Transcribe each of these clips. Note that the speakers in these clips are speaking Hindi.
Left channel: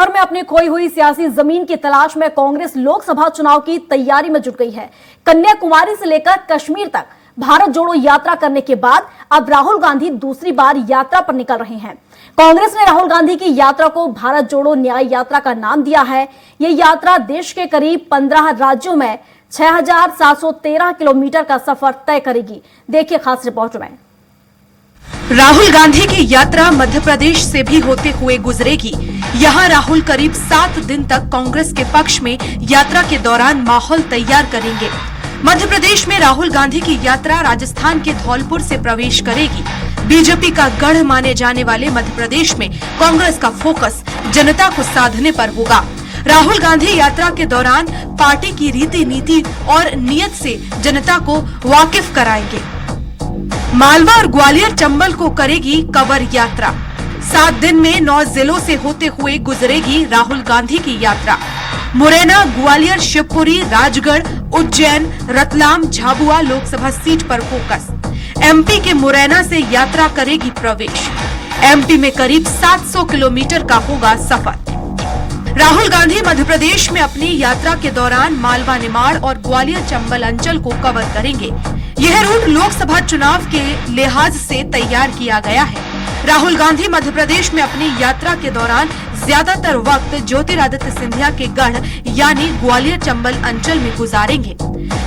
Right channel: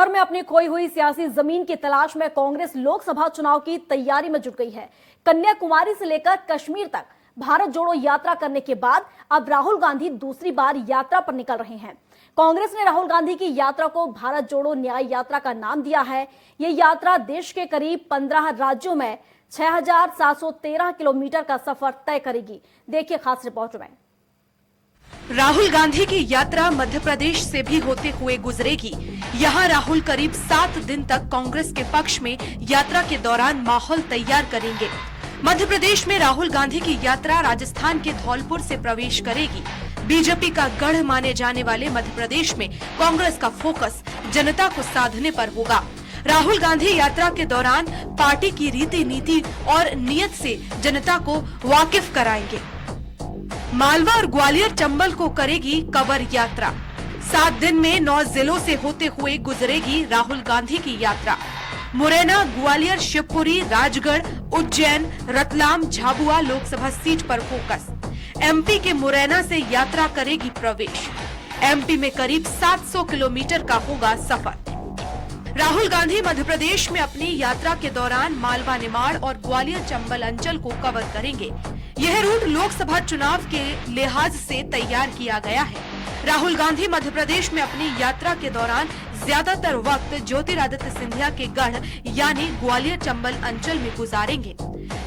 भर में अपनी खोई हुई सियासी जमीन की तलाश में कांग्रेस लोकसभा चुनाव की तैयारी में जुट गई है। कन्याकुमारी से लेकर कश्मीर तक भारत जोड़ो यात्रा करने के बाद अब राहुल गांधी दूसरी बार यात्रा पर निकल रहे हैं। कांग्रेस ने राहुल गांधी की यात्रा को भारत जोड़ो न्याय यात्रा का नाम दिया है। ये यात्रा देश के करीब 15 राज्यों में 6,713 किलोमीटर का सफर तय करेगी। देखिए खास रिपोर्ट में। राहुल गांधी की यात्रा मध्य प्रदेश से भी होते हुए गुजरेगी। यहाँ राहुल करीब 7 दिन तक कांग्रेस के पक्ष में यात्रा के दौरान माहौल तैयार करेंगे। मध्य प्रदेश में राहुल गांधी की यात्रा राजस्थान के धौलपुर से प्रवेश करेगी। बीजेपी का गढ़ माने जाने वाले मध्य प्रदेश में कांग्रेस का फोकस जनता को साधने पर होगा। राहुल गांधी यात्रा के दौरान पार्टी की रीति नीति और नियत से जनता को वाकिफ कराएंगे। मालवा और ग्वालियर चंबल को करेगी कवर यात्रा। 7 दिन में 9 जिलों से होते हुए गुजरेगी राहुल गांधी की यात्रा। मुरैना, ग्वालियर, शिवपुरी, राजगढ़, उज्जैन, रतलाम, झाबुआ लोकसभा सीट पर फोकस। एमपी के मुरैना से यात्रा करेगी प्रवेश। एमपी में करीब 700 किलोमीटर का होगा सफर। राहुल गांधी मध्य प्रदेश में अपनी यात्रा के दौरान मालवा, निमाड़ और ग्वालियर चंबल अंचल को कवर करेंगे। यह रूट लोकसभा चुनाव के लिहाज से तैयार किया गया है। राहुल गांधी मध्य प्रदेश में अपनी यात्रा के दौरान ज्यादातर वक्त ज्योतिरादित्य सिंधिया के गढ़ यानी ग्वालियर चंबल अंचल में गुजारेंगे।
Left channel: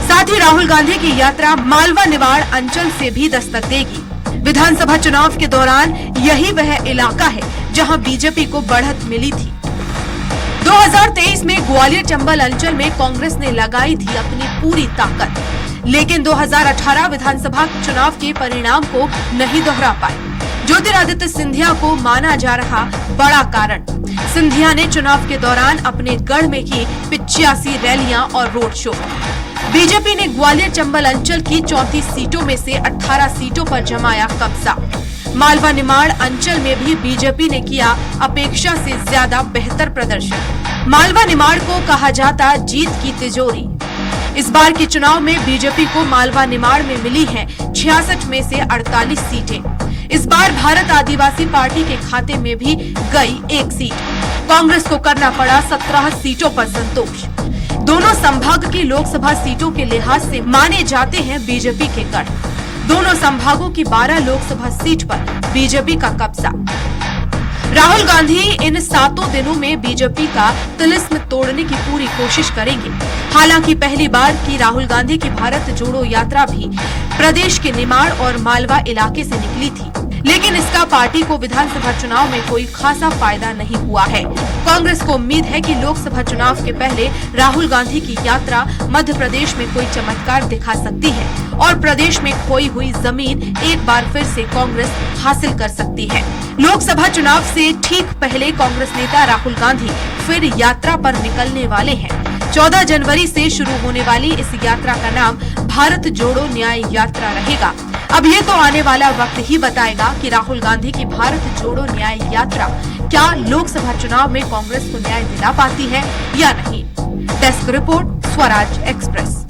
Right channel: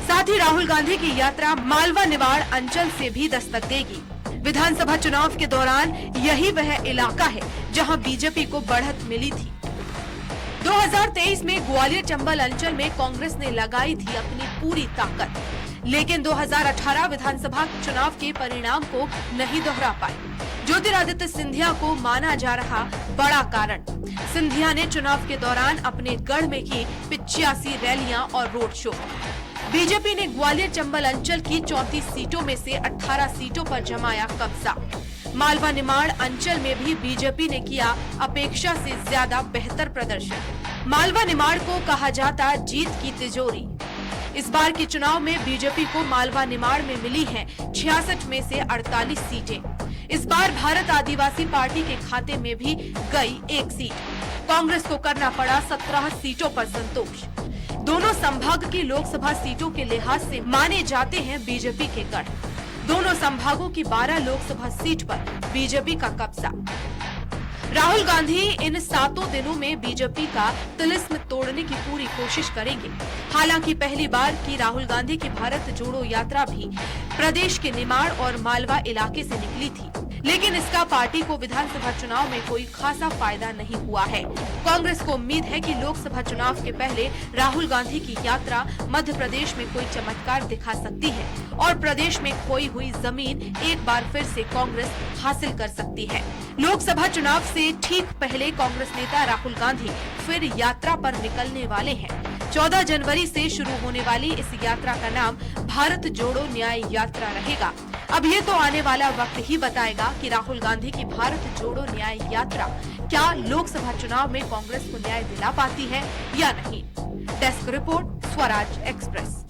साथ ही राहुल गांधी की यात्रा मालवा, निमाड़ अंचल से भी दस्तक देगी। विधानसभा चुनाव के दौरान यही वह इलाका है जहां बीजेपी को बढ़त मिली थी। 2023 में ग्वालियर चंबल अंचल में कांग्रेस ने लगाई थी अपनी पूरी ताकत, लेकिन 2018 विधानसभा चुनाव के परिणाम को नहीं दोहरा पाए। ज्योतिरादित्य सिंधिया को माना जा रहा बड़ा कारण, सिंधिया ने चुनाव के दौरान अपने गढ़ में की 85 रैलियां और रोड शो। बीजेपी ने ग्वालियर चंबल अंचल की 34 सीटों में से 18 सीटों पर जमाया कब्जा। मालवा, निमाड़ अंचल में भी बीजेपी ने किया अपेक्षा से ज्यादा बेहतर प्रदर्शन। मालवा, निमाड़ को कहा जाता जीत की तिजोरी। इस बार के चुनाव में बीजेपी को मालवा, निमाड़ में मिली हैं 66 में से 48 सीटें। इस बार भारत आदिवासी पार्टी के खाते में भी गई 1 सीट। कांग्रेस को करना पड़ा 17 सीटों पर संतोष। दोनों संभाग की लोकसभा सीटों के लिहाज से माने जाते हैं बीजेपी के गढ़। दोनों संभागों की 12 लोकसभा सीट पर बीजेपी का कब्जा। राहुल गांधी इन 7 दिनों में बीजेपी का तिलिस्म तोड़ने की पूरी कोशिश करेंगे। हालांकि पहली बार की राहुल गांधी की भारत जोड़ो यात्रा भी प्रदेश के निमाड़ और मालवा इलाके से निकली थी, लेकिन इसका पार्टी को विधानसभा चुनाव में कोई खासा फायदा नहीं हुआ है। कांग्रेस को उम्मीद है कि लोकसभा चुनाव के पहले राहुल गांधी की यात्रा मध्य प्रदेश में कोई चमत्कार दिखा सकती है और प्रदेश में खोई हुई जमीन एक बार फिर से कांग्रेस हासिल कर सकती है। लोकसभा चुनाव से ठीक पहले कांग्रेस नेता राहुल गांधी फिर यात्रा पर निकलने वाले हैं। 14 जनवरी से शुरू होने वाली इस यात्रा का नाम भारत जोड़ो न्याय यात्रा रहेगा। अब ये तो आने वाला वक्त ही बताएगा कि राहुल गांधी की भारत जोड़ो न्याय यात्रा क्या लोकसभा चुनाव में कांग्रेस को न्याय दिला पाती है या नहीं। Desk report, Swaraj express.